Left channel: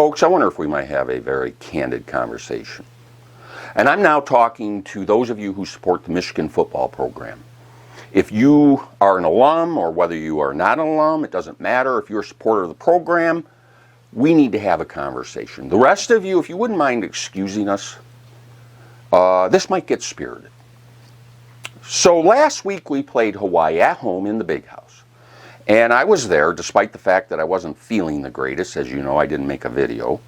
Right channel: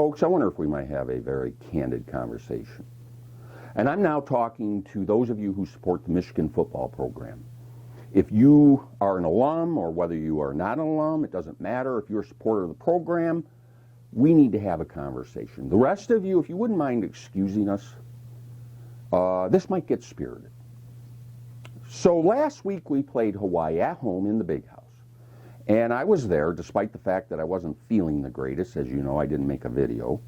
Folks, I wonder if we might have a very candid conversation. And I'm now talking to those of you who support the Michigan football program. If you are an alum or whether you are not an alum, it doesn't matter. If you're a supporter of the program, we need to have a conversation. The rest of you, if you wouldn't mind excusing us, this might get spirited. So last week we played Hawaii at home in the Big House. And I was there despite the fact that I wasn't feeling the greatest. As you know, I didn't make a video.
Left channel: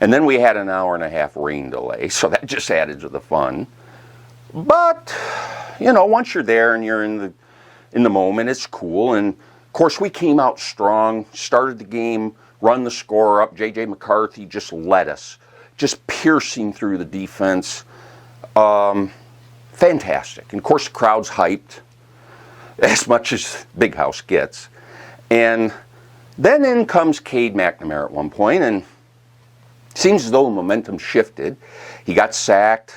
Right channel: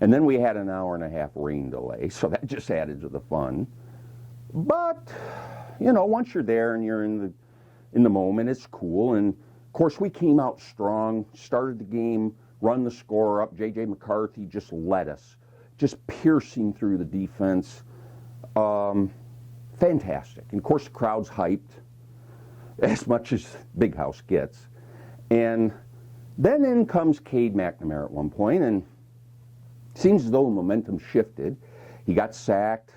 And then we had an hour and a half rain delay, so that just added to the fun. But, you know, once you're there and you're in the moment, it's cool. And, of course, we came out strong, started the game, run the score up. J.J. McCarthy just led us, just piercing through the defense. Fantastic. And, of course, the crowd's hyped, as much as Big House gets. And then in comes Cade McNamara at one point, and it seems as though the momentum shifted. He got sacked.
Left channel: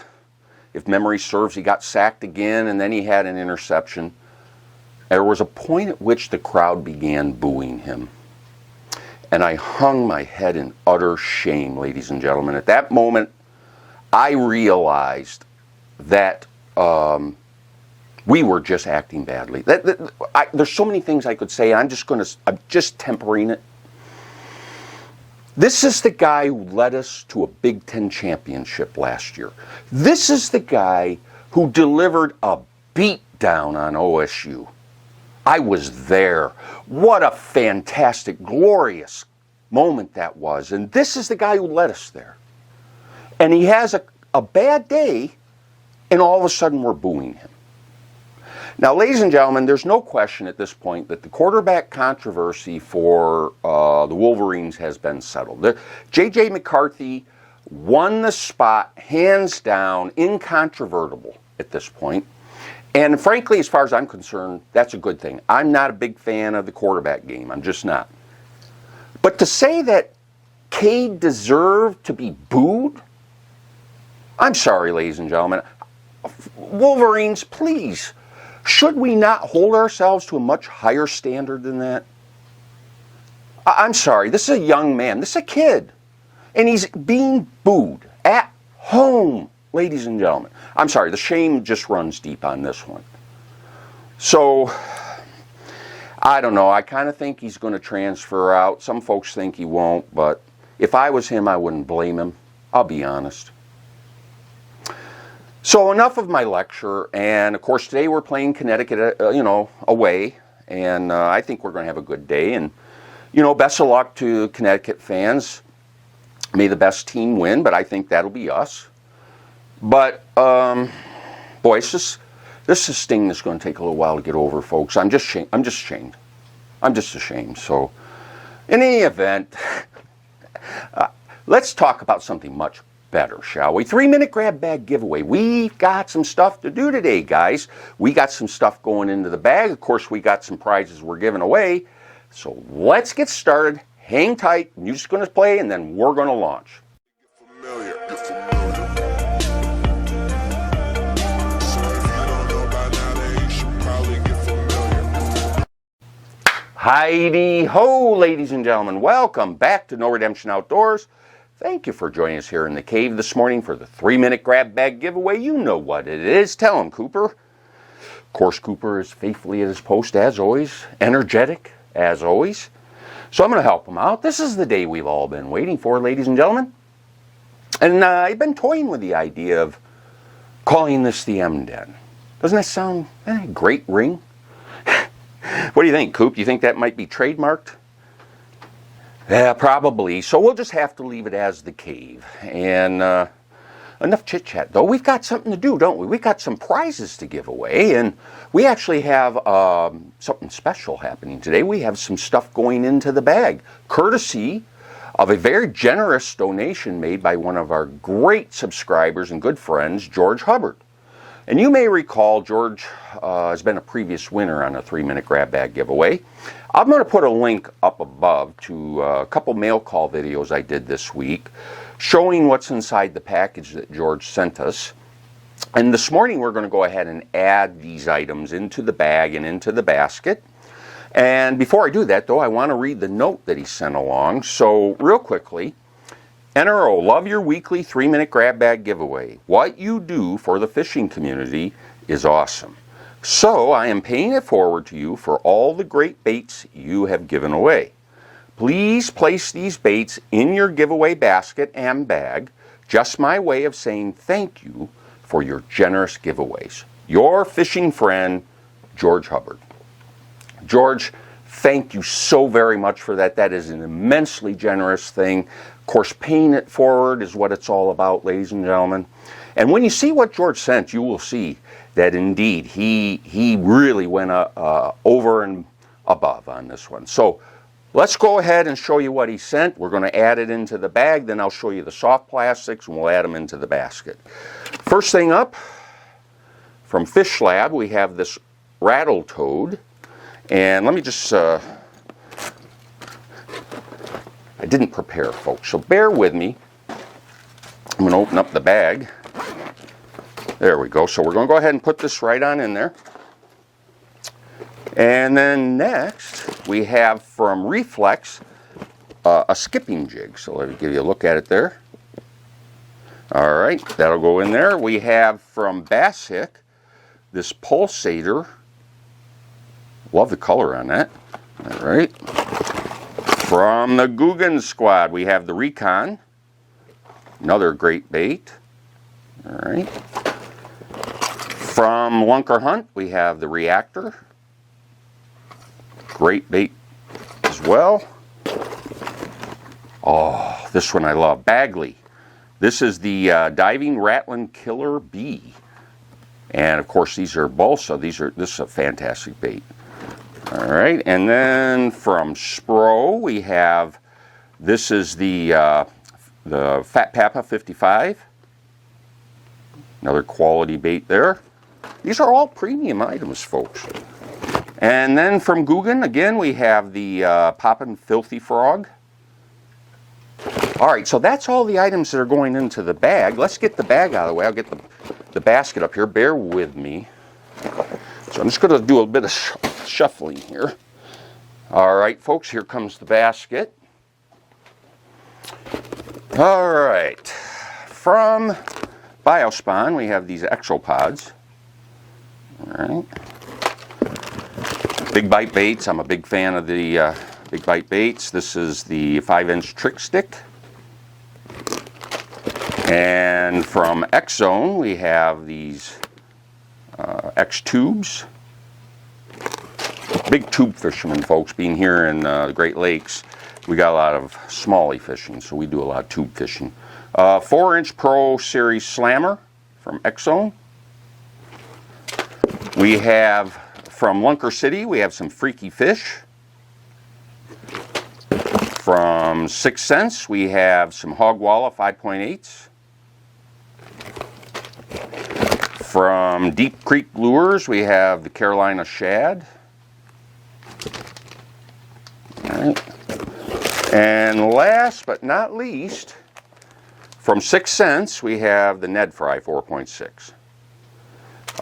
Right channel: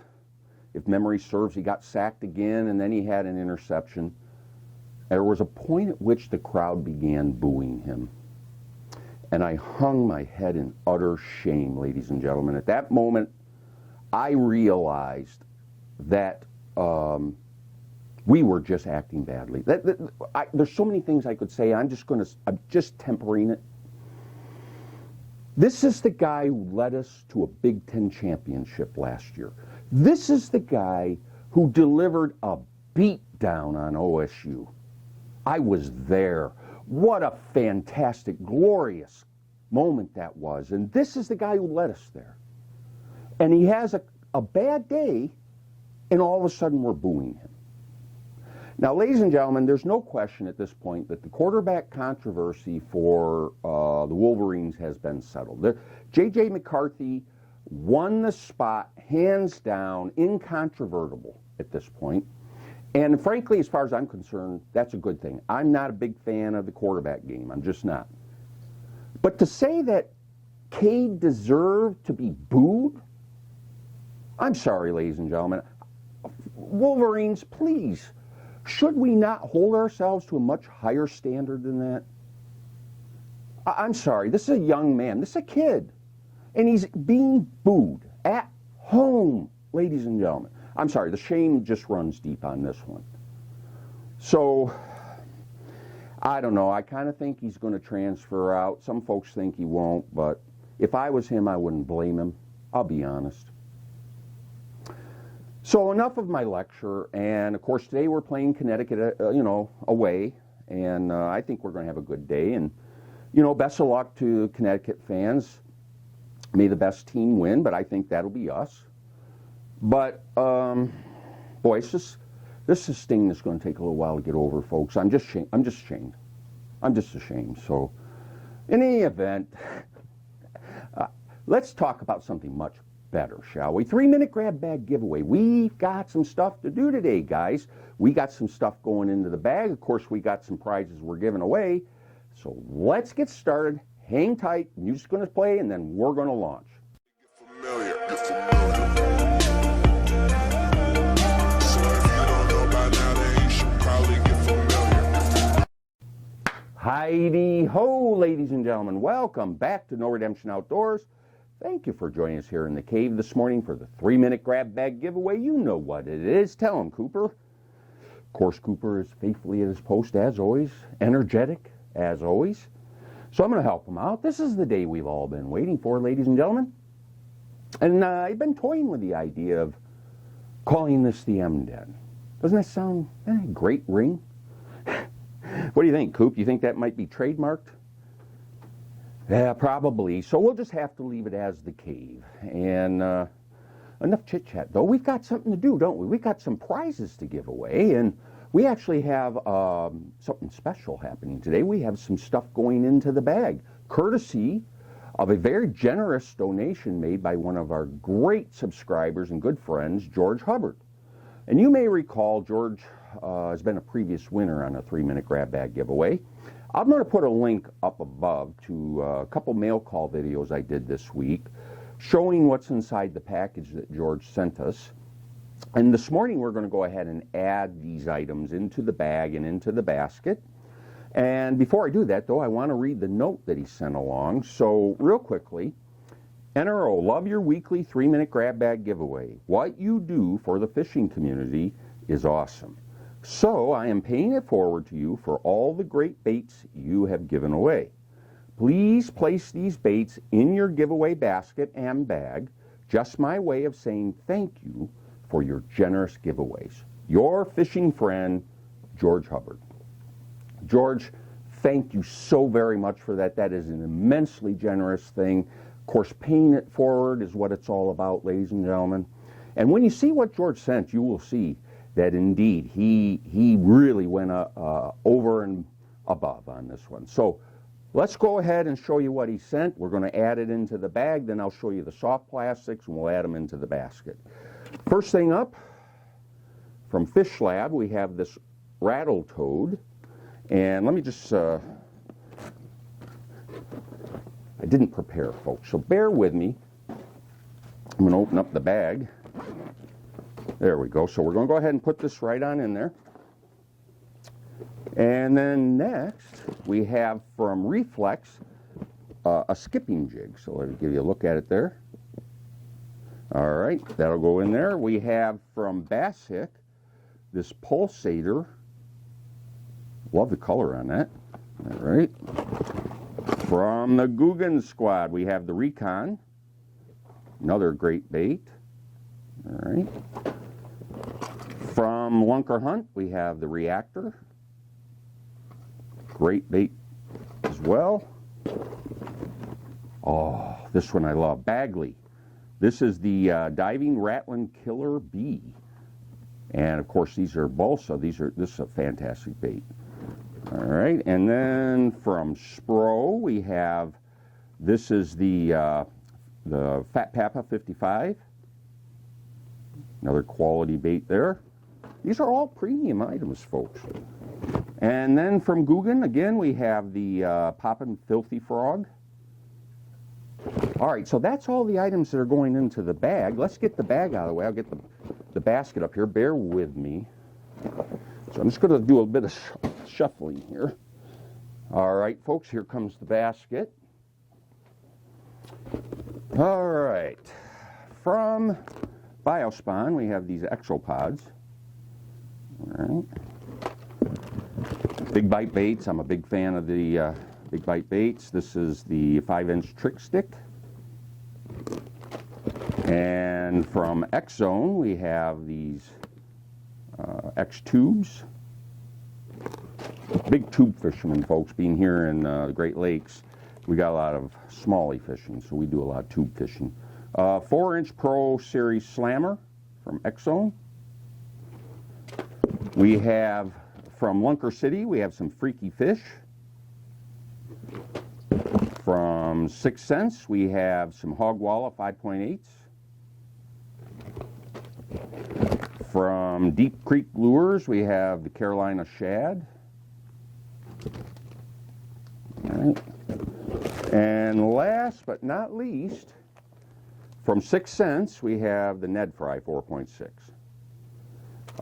If memory serves, he got sacked again, and then he had an interception. There was a point at which the crowd began booing him. And I hung my head in utter shame, ladies and gentlemen. At that moment, I realized that we were just acting badly. There's so many things I could say. I'm just tempering it. This is the guy who led us to a Big Ten championship last year. This is the guy who delivered a beatdown on OSU. I was there. What a fantastic, glorious moment that was. And this is the guy who led us there. And he has a bad day, and all of a sudden we're booing him. Now, ladies and gentlemen, there's no question at this point that the quarterback controversy for the Wolverines has been settled. J.J. McCarthy won the spot, hands down, incontrovertible at this point. And frankly, as far as I'm concerned, that's a good thing. I'm not a big fan of the quarterback game. I'm just not. But to say that Cade deserved to be booed? I'm sorry, ladies and gentlemen. Wolverines, please. Should we not hold ourselves to a much higher standard than that? I'm sorry, this is a young man, this is a kid, and he's being booed at home, ladies and gentlemen. I'm sorry, the shame just runs deep on this one. So, I don't know, I kind of think he's going to transfer out. Some folks think he won't, but if I was him, I wouldn't blame him. I'll be honest. So enough of my lecture, and of course today we're playing Connecticut, away, and I think we're going to have a good day, and, best of luck to Connecticut fans. May the best team win, but I think that'll be us. But, boy, this is a sting that's going to take a little while to get over, folks. I'm just ashamed. I'm just ashamed. So, in any event, let's talk about something much better, shall we? 3-minute grab bag giveaway. We've got some stuff to do today, guys. We got some stuff going into the bag. Of course, we got some prizes we're giving away. So let's get started. Hang tight. Music's going to play, and then we're going to launch. Heidi ho, ladies and gentlemen. Welcome back to No Redemption Outdoors. Thank you for joining us here in the cave this morning for the 3-minute grab bag giveaway. You know what it is. Tell him, Cooper. Of course, Cooper is faithfully at his post, as always. Energetic, as always. So I'm going to help him out. This is the day we've all been waiting for, ladies and gentlemen. And I've been toying with the idea of calling this the M-Den. Doesn't that sound a great ring? What do you think, Coop? You think that might be trademarked? Yeah, probably. So we'll just have to leave it as the cave. And enough chit-chat, though. We've got something to do, don't we? We've got some prizes to give away. And we actually have something special happening today. We have some stuff going into the bag, courtesy of a very generous donation made by one of our great subscribers and good friends, George Hubbard. And you may recall George has been a previous winner on a 3-minute grab bag giveaway. I'm going to put a link up above to a couple mail call videos I did this week showing what's inside the package that George sent us. And this morning we're going to go ahead and add these items into the bag and into the basket. And before I do that, though, I want to read the note that he sent along. So real quickly, NRO, love your weekly 3-minute grab bag giveaway. What you do for the fishing community is awesome. So I am paying it forward to you for all the great baits you have given away. Please place these baits in your giveaway basket and bag. Just my way of saying thank you for your generous giveaways. Your fishing friend, George Hubbard. George, thank you so very much for that. That is an immensely generous thing. Of course, paying it forward is what it's all about, ladies and gentlemen. And when you see what George sent, you will see that indeed he really went over and above on this one. So let's go ahead and show you what he sent. We're going to add it into the bag, then I'll show you the soft plastics and we'll add them into the basket. First thing up, from Fish Lab, we have this rattle toad. And let me just, I didn't prepare, folks, so bear with me. I'm going to open up the bag. There we go. So we're going to go ahead and put this right on in there. And then next, we have from Reflex a skipping jig. So let me give you a look at it there. All right, that'll go in there. We have from Bass Hick this pulsator. Love the color on that. All right. From the Guggen Squad, we have the Recon. Another great bait. All right. From Lunker Hunt, we have the Reactor. Great bait as well. Oh, this one I love. Bagley. This is the Diving Ratlin Killer B. And of course, these are balsa. This is a fantastic bait. All right, and then from Spro, we have, this is the Fat Papa 55. Another quality bait there. These are all premium items, folks. And then from Guggen, again, we have the Poppin' Filthy Frog. All right, so that's all the items that are going into the bag. Let's get the bag out of the way. I'll get the basket up here. Bear with me. So I'm just going to do a bit of shuffling here. All right, folks, here comes the basket. All right, from Biospawn, we have these Exopods. All right. Big Bite Baits, I'm a big fan of the Big Bite Baits. This is the 5-inch trick stick. And from X-Zone, we have these X-Tubes. Big tube fishermen, folks, being here in the Great Lakes, we got a lot of smallie fishing, so we do a lot of tube fishing. 4-inch Pro Series Slammer from X-Zone. We have from Lunker City, we have some Freaky Fish. From 6 Cents, we have some Hogwalla 5.8s. From Deep Creek Lures, we have the Carolina Shad. All right. And last but not least, from 6 Cents, we have the Ned Fry 4.6.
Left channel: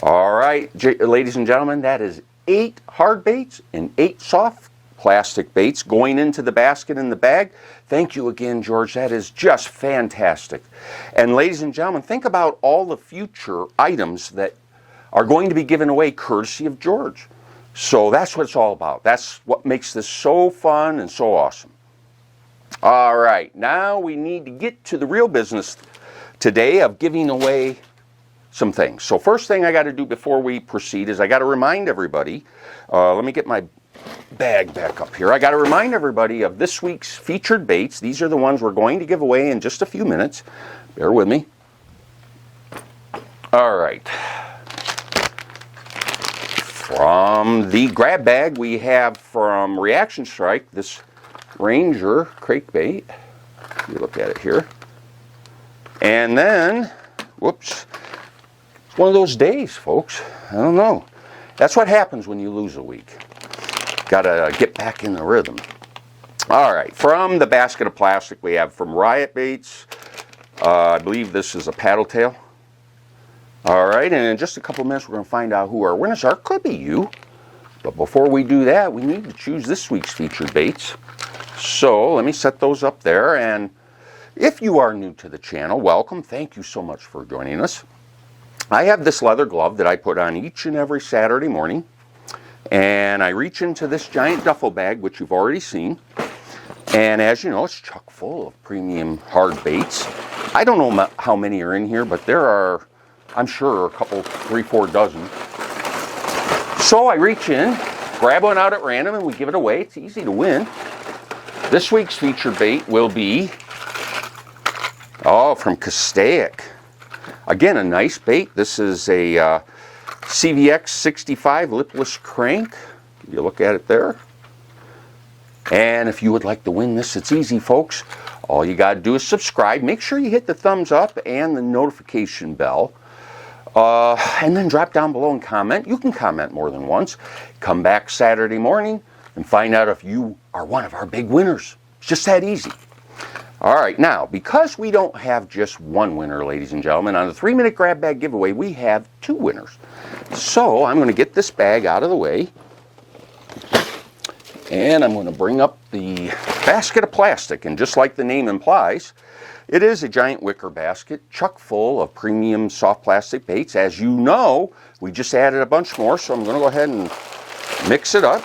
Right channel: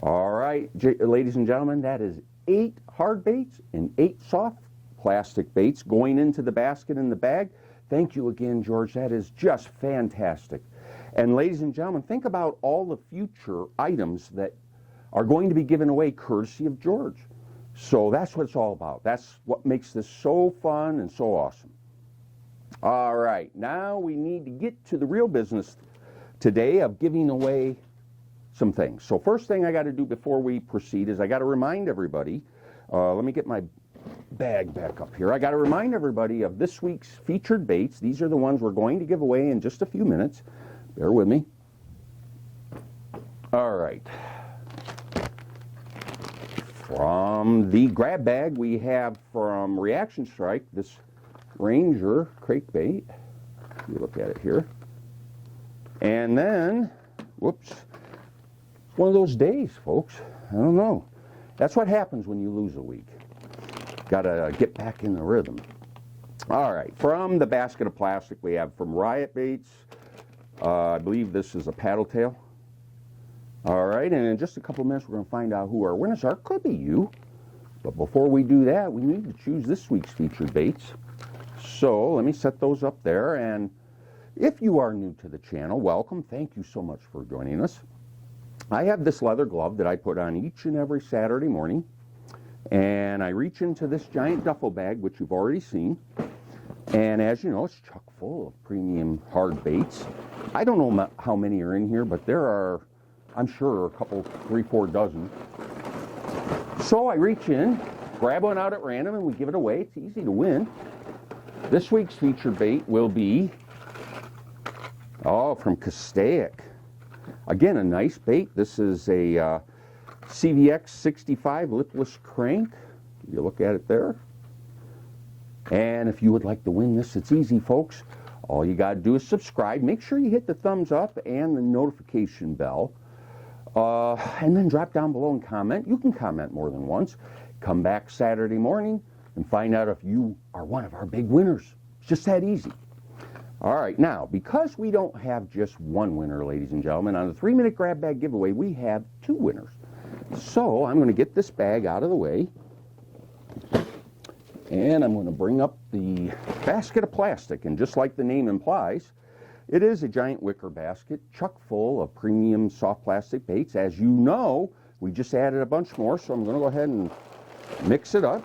All right, ladies and gentlemen, that is 8 hard baits and 8 soft plastic baits going into the basket in the bag. Thank you again, George. That is just fantastic. And ladies and gentlemen, think about all the future items that are going to be given away courtesy of George. So that's what it's all about. That's what makes this so fun and so awesome. All right, now we need to get to the real business today of giving away some things. So first thing I got to do before we proceed is I got to remind everybody, let me get my bag back up here. I got to remind everybody of this week's featured baits. These are the ones we're going to give away in just a few minutes. Bear with me. All right. From the grab bag, we have from Reaction Strike this Ranger crankbait. You look at it here. And then, whoops, it's one of those days, folks. I don't know. That's what happens when you lose a week. Got to get back in the rhythm. All right, from the basket of plastic, we have from Riot Baits. I believe this is a paddle tail. All right, and in just a couple minutes, we're going to find out who our winners are. Could be you. But before we do that, we need to choose this week's featured baits. So let me set those up there. And If you are new to the channel, welcome. Thank you so much for joining us. I have this leather glove that I put on each and every Saturday morning, and I reach into this giant duffel bag, which you've already seen, and as you know, it's chock full of premium hard baits. I don't know how many are in here, but there are, I'm sure, a couple, 3-4 dozen. So I reach in, grab one out at random, and we give it away. It's easy to win. This week's featured bait will be, from Pontiac. Again, a nice bait. This is a CVX 65 lipless crank. Give you a look at it there. And if you would like to win this, it's easy, folks. All you got to do is subscribe. Make sure you hit the thumbs up and the notification bell. And then drop down below and comment. You can comment more than once. Come back Saturday morning and find out if you are one of our big winners. It's just that easy. All right, now, because we don't have just one winner, ladies and gentlemen, on the 3-minute grab bag giveaway, we have 2 winners. So I'm going to get this bag out of the way, and I'm going to bring up the basket of plastic. And just like the name implies, it is a giant wicker basket, chock full of premium soft plastic baits. As you know, we just added a bunch more, so I'm going to go ahead and mix it up.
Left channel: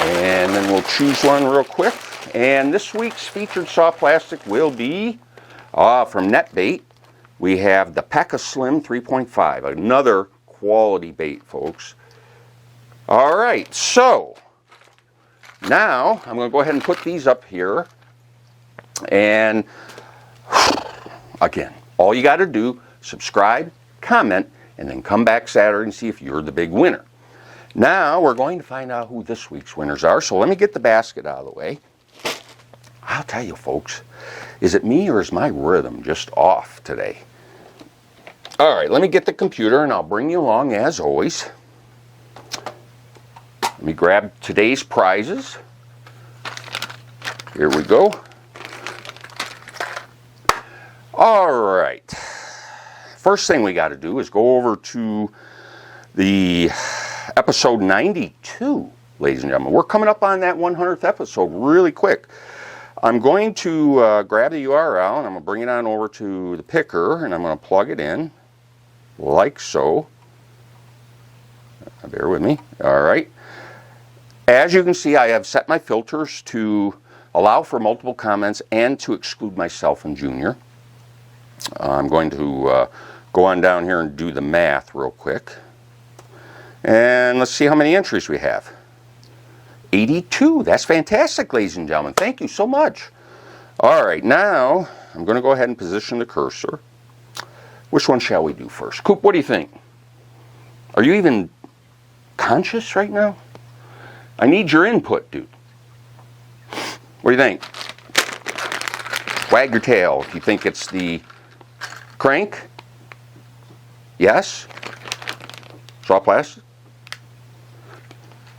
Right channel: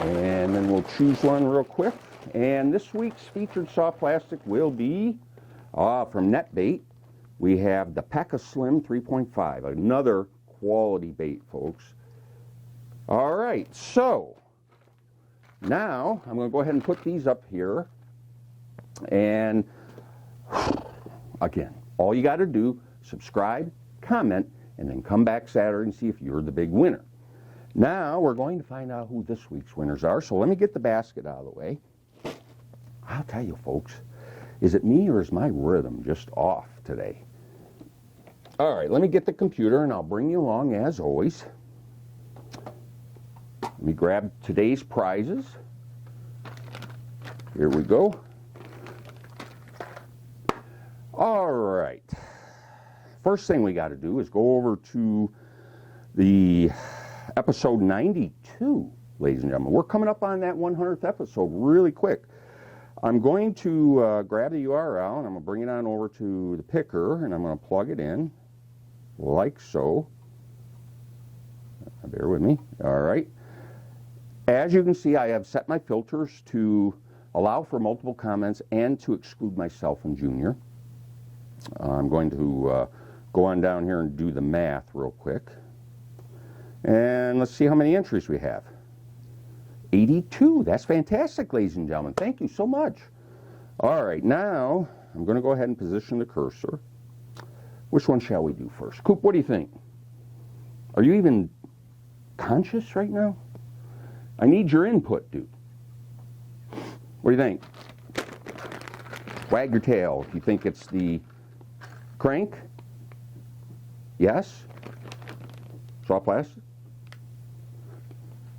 And then we'll choose one real quick. And this week's featured soft plastic will be from NetBait. We have the Paca Slim 3.5, another quality bait, folks. All right, so now I'm going to go ahead and put these up here. And again, all you got to do, subscribe, comment, and then come back Saturday and see if you're the big winner. Now we're going to find out who this week's winners are. So let me get the basket out of the way. I'll tell you, folks, is it me or is my rhythm just off today? All right, let me get the computer and I'll bring you along as always. Let me grab today's prizes. Here we go. All right. First thing we got to do is go over to the episode 92, ladies and gentlemen. We're coming up on that 100th episode really quick. I'm going to grab the URL and I'm going to bring it on over to the picker and I'm going to plug it in like so. Bear with me. All right. As you can see, I have set my filters to allow for multiple comments and to exclude myself and Junior. I'm going to go on down here and do the math real quick. And let's see how many entries we have. 82. That's fantastic, ladies and gentlemen. Thank you so much. All right, now I'm going to go ahead and position the cursor. Which one shall we do first? Coop, what do you think? Are you even conscious right now? I need your input, dude. What do you think? Wag your tail if you think it's the crank. Yes? Soft plastic?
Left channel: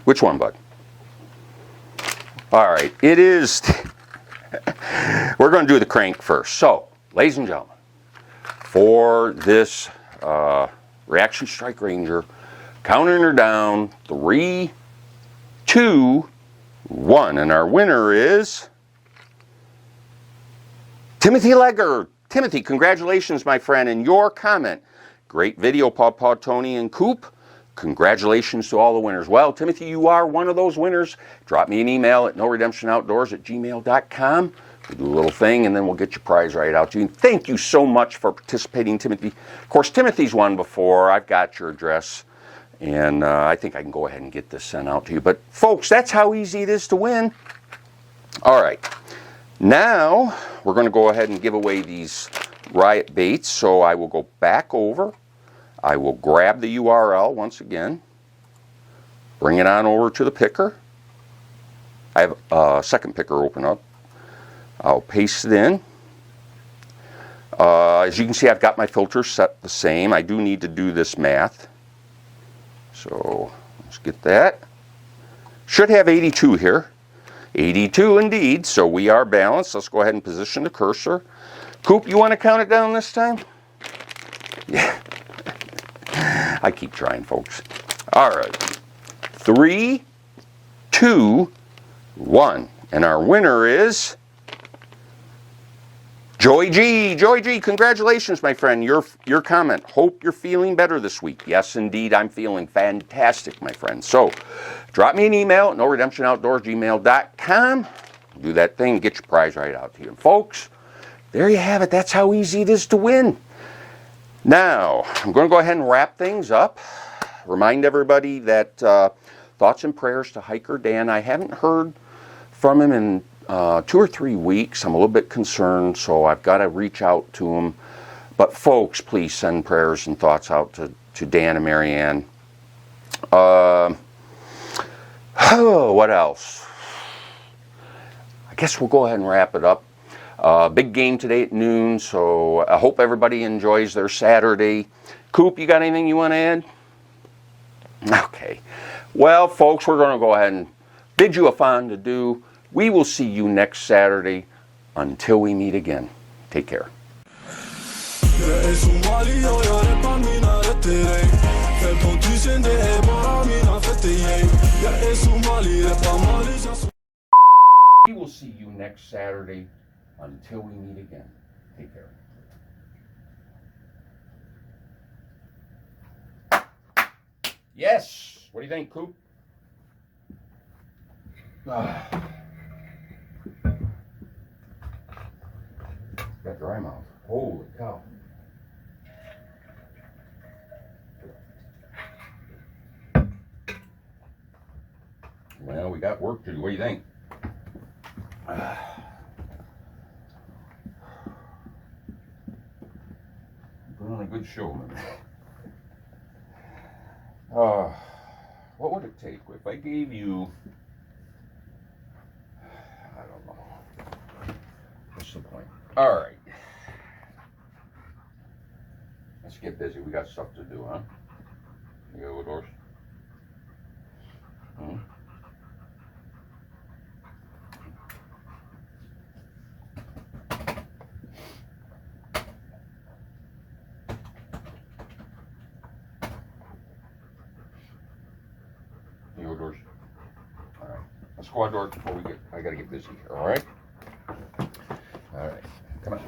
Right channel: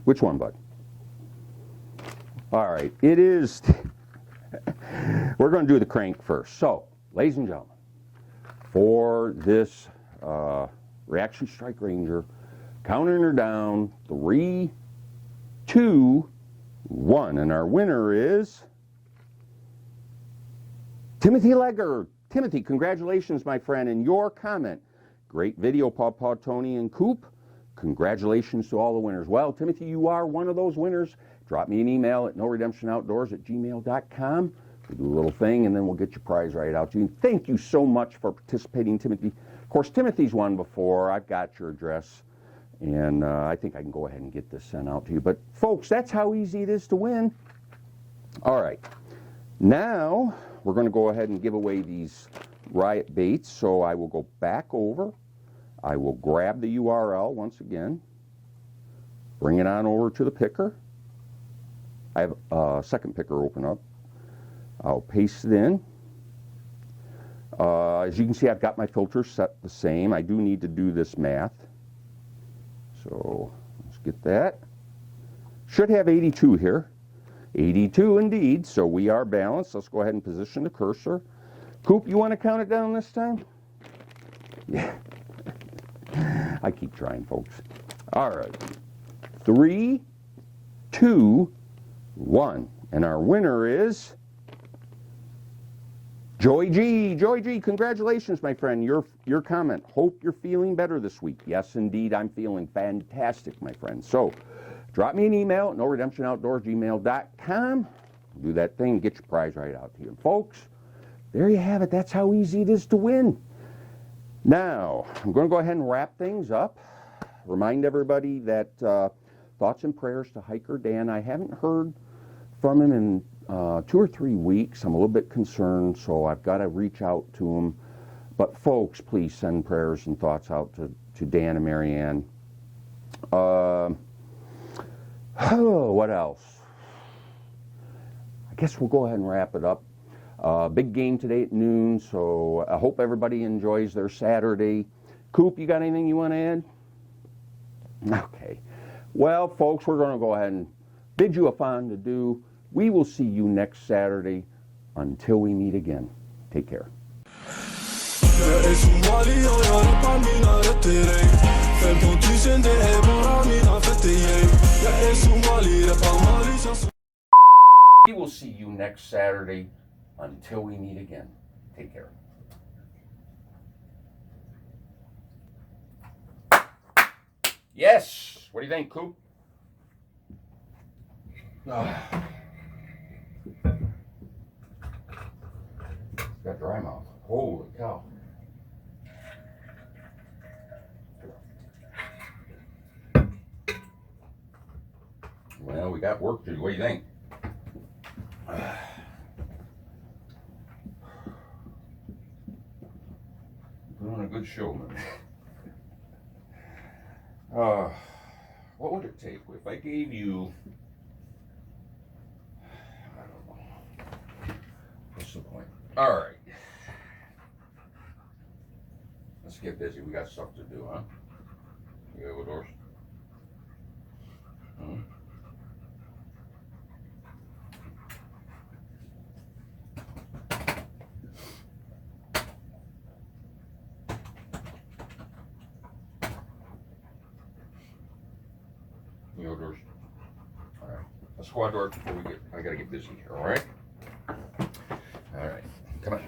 Which one, bud? All right, it is, we're going to do the crank first. So, ladies and gentlemen, for this Reaction Strike Ranger, counting her down, 3, 2, 1. And our winner is Timothy Legger. Timothy, congratulations, my friend, and your comment. Great video, Paw Tony and Coop. Congratulations to all the winners. Well, Timothy, you are one of those winners. Drop me an email at noredemptionoutdoors@gmail.com. We'll do a little thing, and then we'll get your prize right out to you. Thank you so much for participating, Timothy. Of course, Timothy's won before. I've got your address, and I think I can go ahead and get this sent out to you. But, folks, that's how easy it is to win. All right. Now, we're going to go ahead and give away these Riot baits, so I will go back over. I will grab the URL once again, bring it on over to the picker. I have a second picker open up. I'll paste it in. As you can see, I've got my filters set the same. I do need to do this math. So let's get that. Should have 82 here. 82 indeed, so we are balanced. Let's go ahead and position the cursor. Coop, you want to count it down this time? Yeah. I keep trying, folks. All right. 3, 2, 1. And our winner is Joy G, congratulations, my friend. Your comment. Hope you're feeling better this week. Yes, indeed, I'm feeling fantastic, my friend. So, drop me an email at noredemptionoutdoors@gmail.com. Do that thing, get your prize right out to you. And folks, there you have it. That's how easy it is to win. Now, I'm going to go ahead and wrap things up. Remind everybody that thoughts and prayers to Hiker Dan. I haven't heard from him in 2 or 3 weeks. I'm a little bit concerned, so I've got to reach out to him. But folks, please send prayers and thoughts out to Dan and Marianne. Oh, what else? I guess we'll go ahead and wrap it up. Big game today at noon, so I hope everybody enjoys their Saturday. Coop, you got anything you want to add? Okay. Well, folks, we're going to go ahead and bid you a fond adieu. We will see you next Saturday. Until we meet again, take care. We will see you next Saturday. Until we meet again, take care. Yes. What do you think, Coop? Got dry mouth. Holy cow. Well, we got work to do. What do you think? Put on a good show, man. What would it take if I gave you, I don't know. What's the point? All right. Let's get busy. We got stuff to do, huh? You go, Doris? You go, Doris? All right. Let's go outdoors before I gotta get busy here, all right? All right. Come on.